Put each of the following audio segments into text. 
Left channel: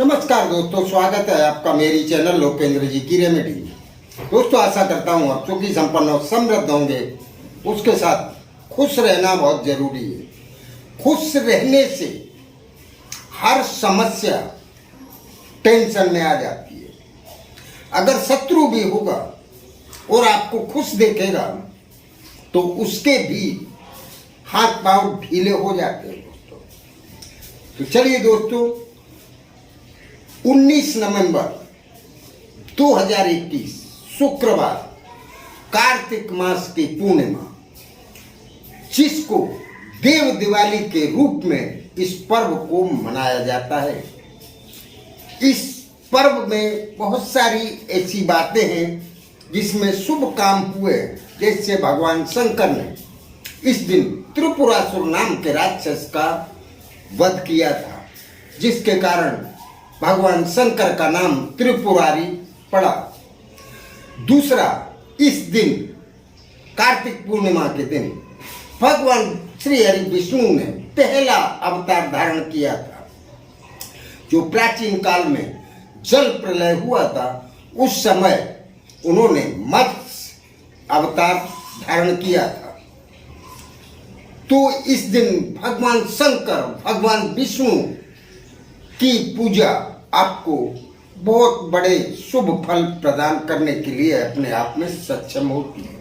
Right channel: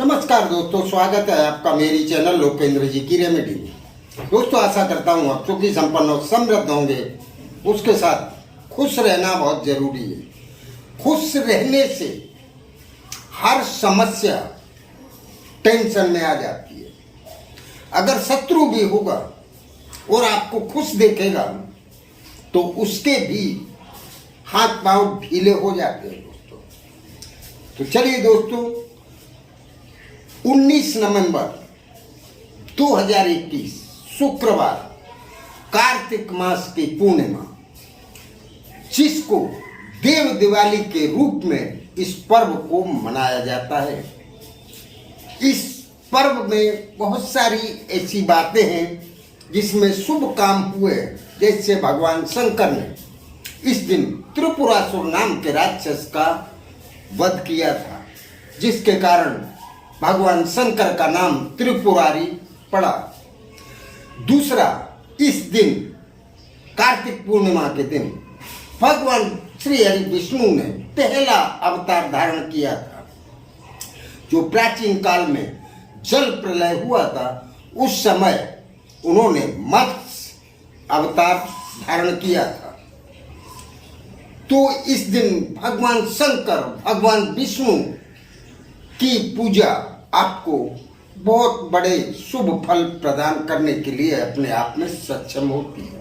नमस्कार दोस्तों, स्वागत है आपका मेरी चैनल लोकेंद्र जी की रेमेडी में। दोस्तों, आशा करता हूँ आप सुखी संपन्न और समृद्ध होंगे। उसके साथ खुश रहना बहुत जरूरी है। खुश रहने से हर समस्या टेंशन में आ जाती है। अगर शत्रु भी होगा और आपको खुश देखेगा तो उसके भी हाथ पांव ढीले हो जाते हैं दोस्तों। तो चलिए दोस्तों, 19 नवंबर 2021 शुक्रवार, कार्तिक मास की पूर्णिमा, जिसको देव दिवाली के रूप में इस पर्व को मनाया जाता है। इस पर्व में बहुत सारी ऐसी बातें हैं जिसमें शुभ काम हुए। जैसे भगवान शंकर ने इस दिन त्रिपुरासुर नाम के राक्षस का वध किया था, जिसके कारण भगवान शंकर का नाम त्रिपुरारी पड़ा। दूसरा, इस दिन कार्तिक पूर्णिमा के दिन भगवान श्री हरि विष्णु ने पहला अवतार धारण किया था। जो प्राचीन काल में जल प्रलय हुआ था, उस समय उन्होंने मत्स्य अवतार धारण किया था। तो इस दिन भगवान शंकर, भगवान विष्णु की पूजा आपको बहुत बड़े शुभ फल प्रदान करने के लिए अपने आप में सक्षम होती है।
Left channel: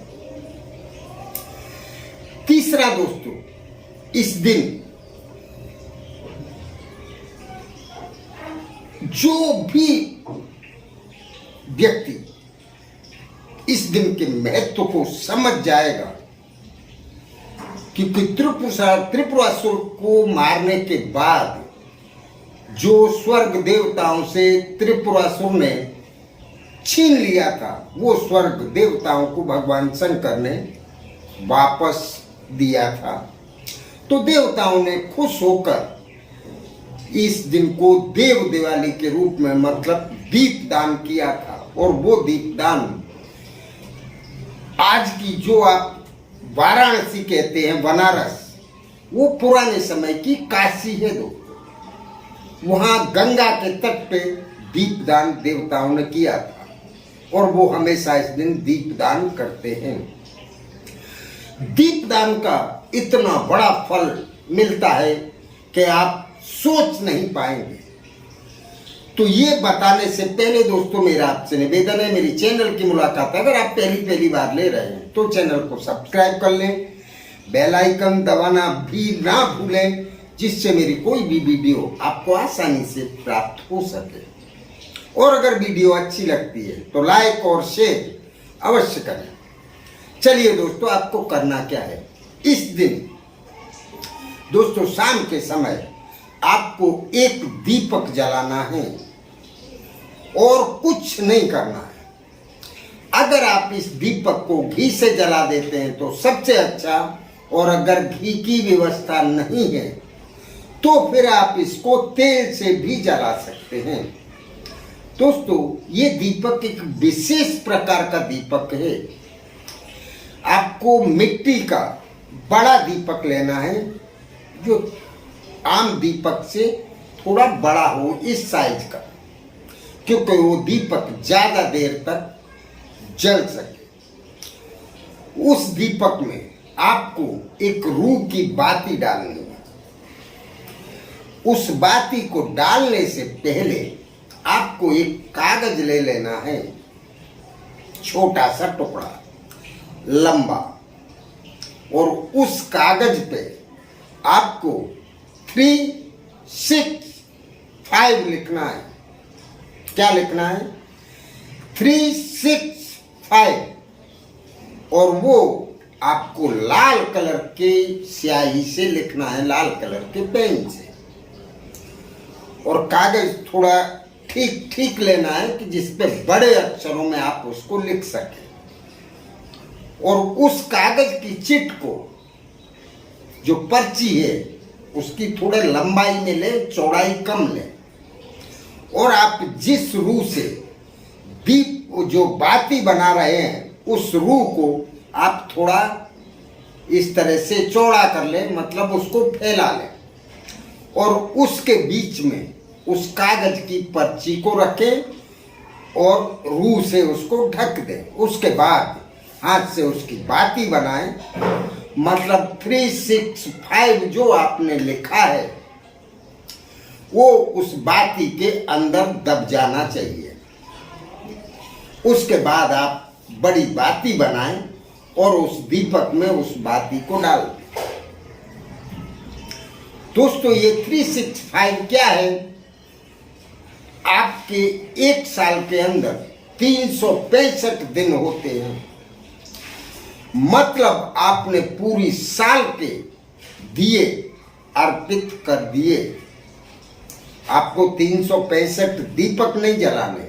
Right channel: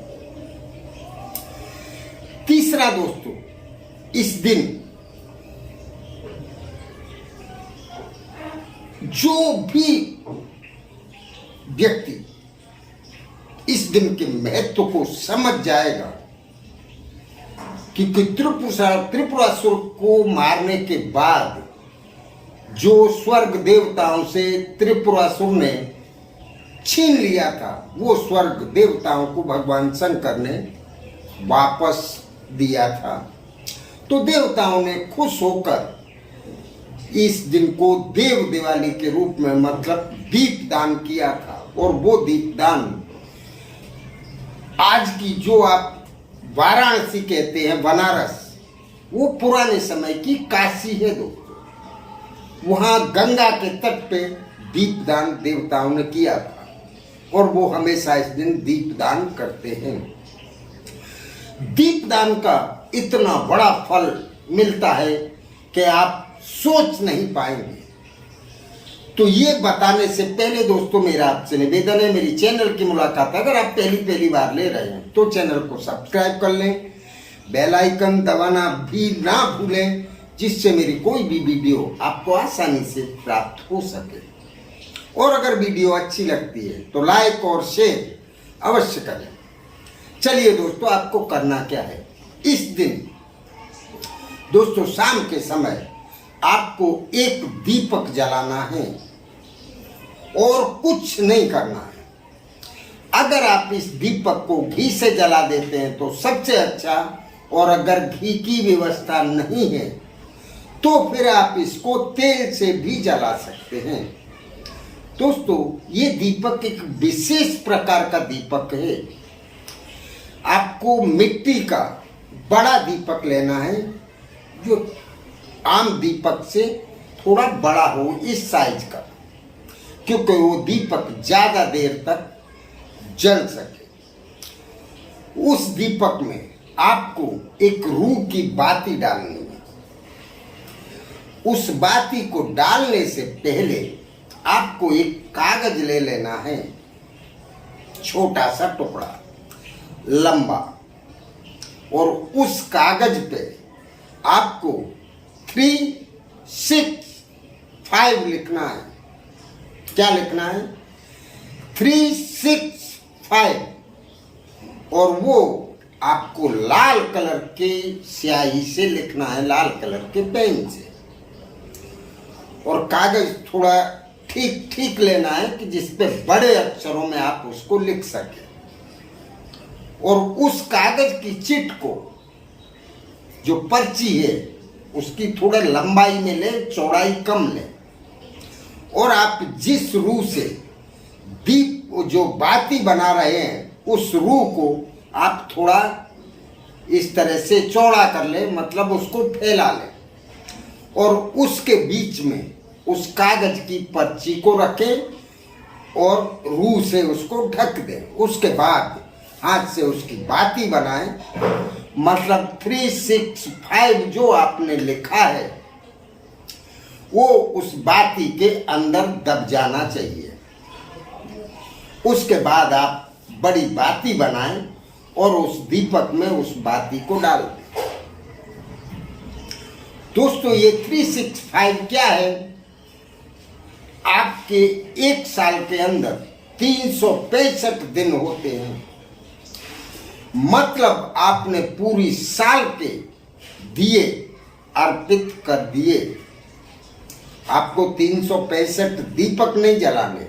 तीसरा दोस्तों, इस दिन जो भी व्यक्ति इस दिन के महत्व को समझ जाएगा, क्योंकि त्रिपुरासुर को मारने के बाद जो स्वर्ग देवताओं से त्रिपुरासुर ने छीन लिया था, वो स्वर्ग देवताओं को भगवान शंकर ने वापस दिया था। तो देवताओं ने खुश होकर इस दिन को देव दिवाली के रूप में, मतलब दीपदान किया था। और वो दीपदान आज की जो आप वाराणसी कहते हैं, बनारस, वो पुराने समय की काशी है दोस्तों। वहां गंगा के तट पे दीपदान देवताओं ने किया था और वो हमेशा इस दिन दीपदान करते हैं। दीपदान का इतना बड़ा फल मिलता है कि आप सोच नहीं पाएंगे। तो ये बताने से पहले दोस्तों, मेरा आपसे निवेदन है, मेरी चैनल की मुलाकात अगर आप पहली बार ले रहे हैं तो चैनल को सब्सक्राइब कर लें, बेल आइकन दबाना भी ना भूलें, जिससे मेरी कोई भी वीडियो आपको आसानी से प्राप्त हो सके। और अगर वीडियो अच्छी लगती है तो लाइक और शेयर अवश्य करें। चलिए दोस्तों, आपको करना क्या है। इस दिन दोस्तों शाम के समय आपको एक दीपक जलाना है और कुछ नहीं करना है। अगर आप इस दीपक को घी से जला देते हैं तो सबसे अच्छा, और अगर घी की व्यवस्था नहीं है तो फिर आप इसको तेल से भी जला सकते हैं। दोस्तों, ये दीपक एक विशेष प्रकार का दीपक है। आपको मिट्टी का बड़ा दीपक लेना है, जो आम दीपक से थोड़ा बड़ा हो, इस साइज का, क्योंकि वो दीपक ज्यादा देर तक जल सके। उस दीपक में आपको एक रूह की बाती डालनी है। उस बाती को डालने से पहले आपको एक कागज ले लेना है, छोटा सा टुकड़ा, लंबा, और उस कागज पे आपको 3, 6, 5 लिखना है। क्या लिखना है? 3, 6, 5। और वो आपको लाल कलर के स्याही से लिखना है, लाल कलर के पेन से। और कागज थोड़ा ठीक ठीक लेना है कि जिसपे बड़े अक्षरों में आप उसको लिख सकें। और उस कागज की चिट को, जो पर्ची है, उसकी थोड़े लंबाई में ले, चौड़ाई कम ले। और आप जिस रूह से दीप जो बाती बना रहे हैं, उस रूह को आप थोड़ा इस तरह से चौड़ा कर ले, मतलब उसको फैला ले। और उसके बीच में उस कागज की पर्ची को रखें और रूह से उसको ढक दें। उसके बाद हाथ से उसकी बाती बनाएं, मतलब 365 जो आपने लिखा है वो उस बाती के अंदर दब जाना चाहिए। उसके बाद आप बड़ी बाती बनाएं और उस दीपक में उस बाती को डाल दें। दोस्तों, ये 365 क्या है? आपके एक साल के अंदर 365 दिन होते हैं, मतलब आपने पूरी साल के दिए अर्पित कर दिए। आपको 365 दीपक नहीं जलाने,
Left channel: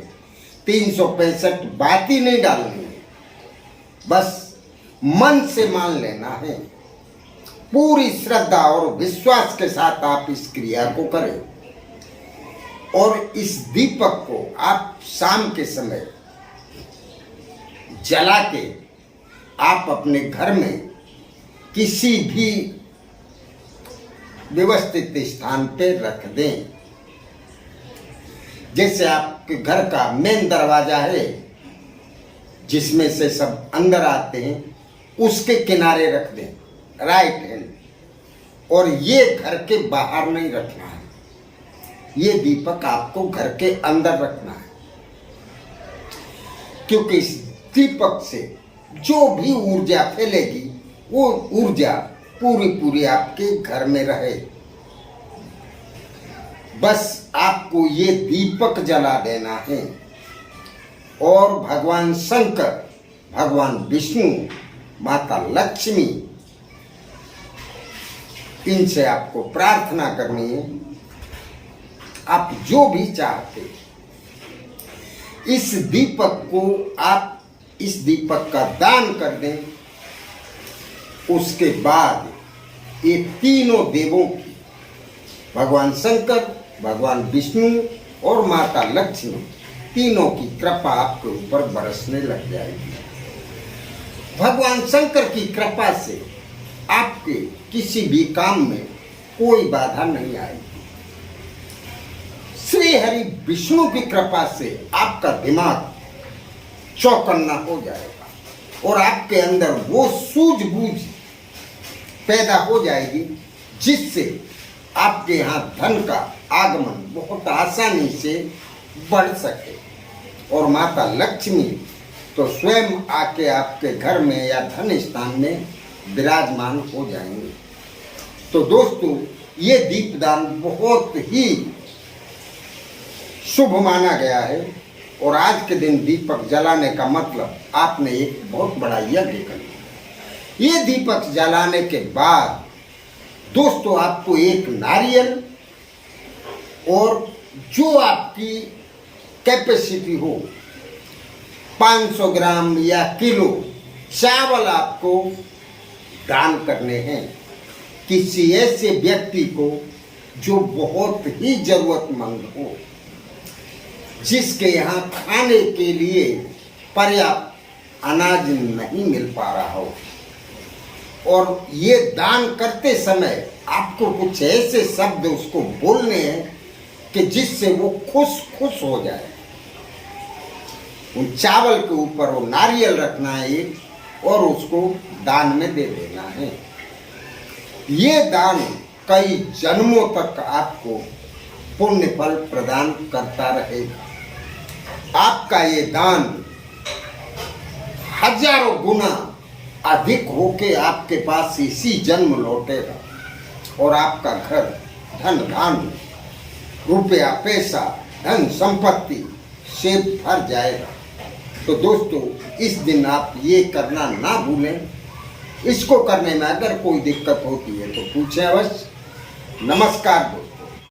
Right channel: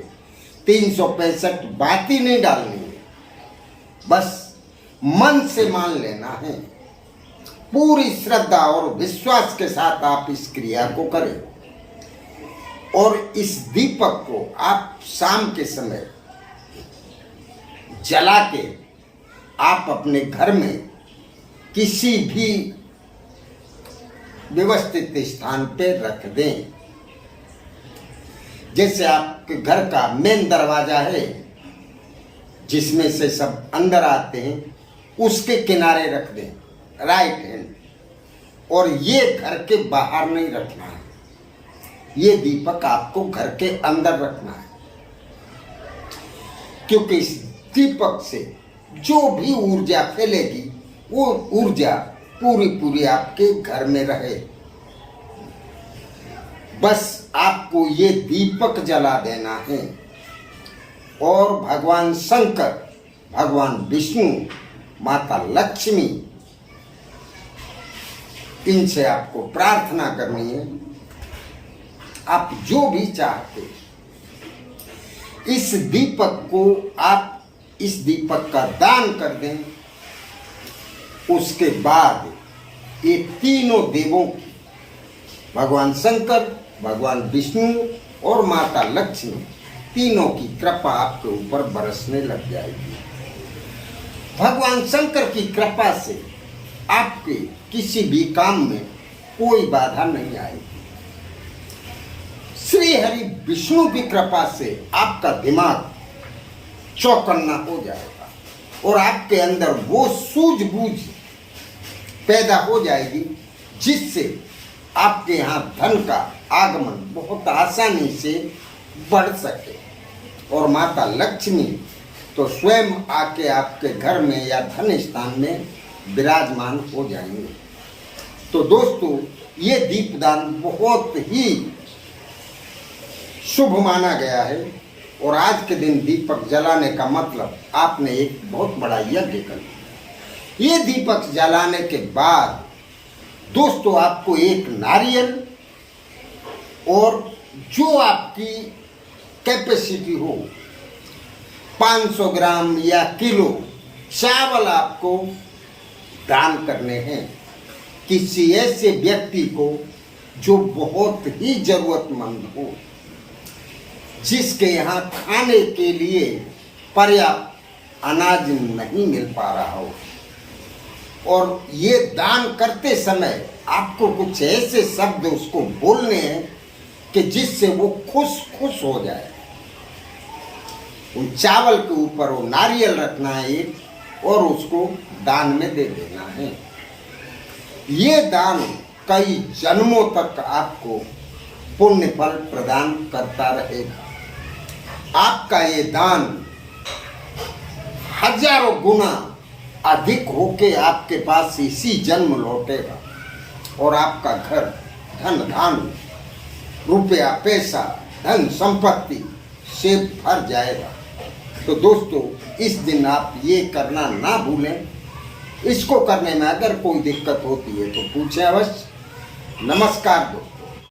365 बाती नहीं डालनी है, बस मन से मान लेना है। पूरी श्रद्धा और विश्वास के साथ आप इस क्रिया को करें और इस दीपक को आप शाम के समय जला के आप अपने घर में किसी भी व्यवस्थित स्थान पे रख दें। जैसे आपके घर का मेन दरवाजा है जिसमें से सब अंदर आते हैं, उसके किनारे रख दें, राइट हैंड। और ये घर के बाहर नहीं रखना है, ये दीपक आपको घर के अंदर रखना है, क्योंकि इस दीपक से जो भी ऊर्जा फैलेगी वो ऊर्जा पूरी आपके घर में रहे। बस आपको ये दीपक जला देना है और भगवान शंकर, भगवान विष्णु, माता लक्ष्मी, इनसे आपको प्रार्थना करनी है। आप जो भी चाहते, इस दीपक को आप इस दीपक का दान कर दें। उसके बाद ये तीनों देवों की, भगवान शंकर, भगवान विष्णु और माता लक्ष्मी, तीनों की कृपा आपके ऊपर बरसने लग जाएगी। भगवान शंकर की कृपा से आपके किसी भी काम में कोई बाधा नहीं आएगी। श्री हरि विष्णु की कृपा से आपका दिमाग चौकन्ना हो जाएगा और आपके अंदर वो सूझबूझ पैदा हो जाएगी जिससे आपके यहाँ धन का आगमन बहुत आसानी से बढ़ सके। और माता लक्ष्मी तो स्वयं आके आपके घर में या धन स्थान में विराजमान हो जाएंगे। तो दोस्तों, ये दीपदान बहुत ही शुभ माना गया है और आज के दिन दीपक जलाने का मतलब आपने एक बहुत बड़ा यज्ञ कर लिया। ये दीपक जलाने के बाद दोस्तों आपको एक नारियल और जो आपकी कैपेसिटी हो, 500 ग्राम या किलो चावल आपको दान करने हैं किसी ऐसे व्यक्ति को जो बहुत ही जरूरतमंद हो, जिसके यहाँ खाने के लिए पर्याप्त अनाज नहीं मिल पा रहा हो। और ये दान करते समय आपको कुछ ऐसे शब्द उसको बोलने हैं कि जिससे वो खुश हो जाए। उन चावल के ऊपर वो नारियल रखना है एक और उसको दान में दे देना है। ये दान कई जन्मों तक आपको पुण्य फल प्रदान करता रहेगा। आपका ये दान हजारों गुना अधिक होके आपके पास इसी जन्म लौटेगा और आपका घर धन धान्य, रुपया पैसा, धन संपत्ति से भर जाएगा। तो दोस्तों, इस दिन आप ये करना ना भूलें। इसको करने में अगर कोई दिक्कत होती है तो पूछें अवश्य। नमस्कार दोस्तों।